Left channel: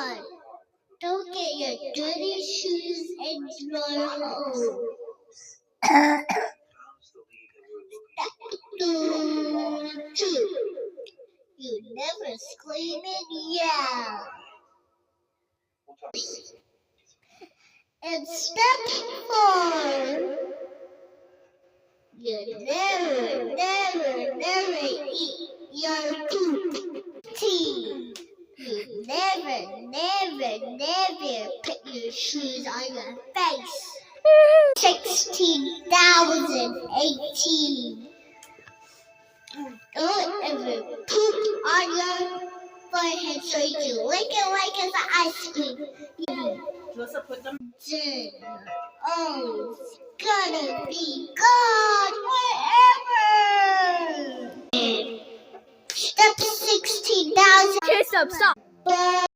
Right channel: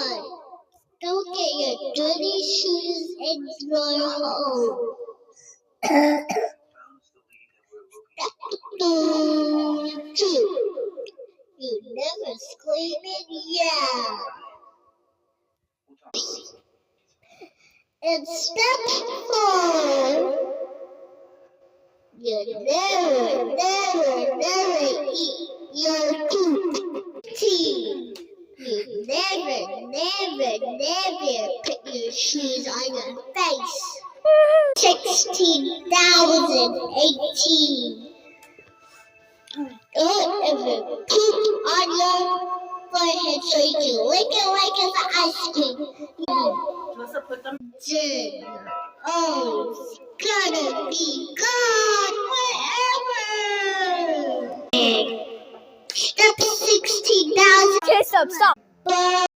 1. Don't get your dirty shoes in your home. 2. You never scream and yell. And step 4. You never eat your poop. You never put your shoes on your face. 16,018. Don't ever poop on your forehead so you can lick it like it's ice cream. Then oh, it's gonna be gone forever. Step 16,000. Okay, stop.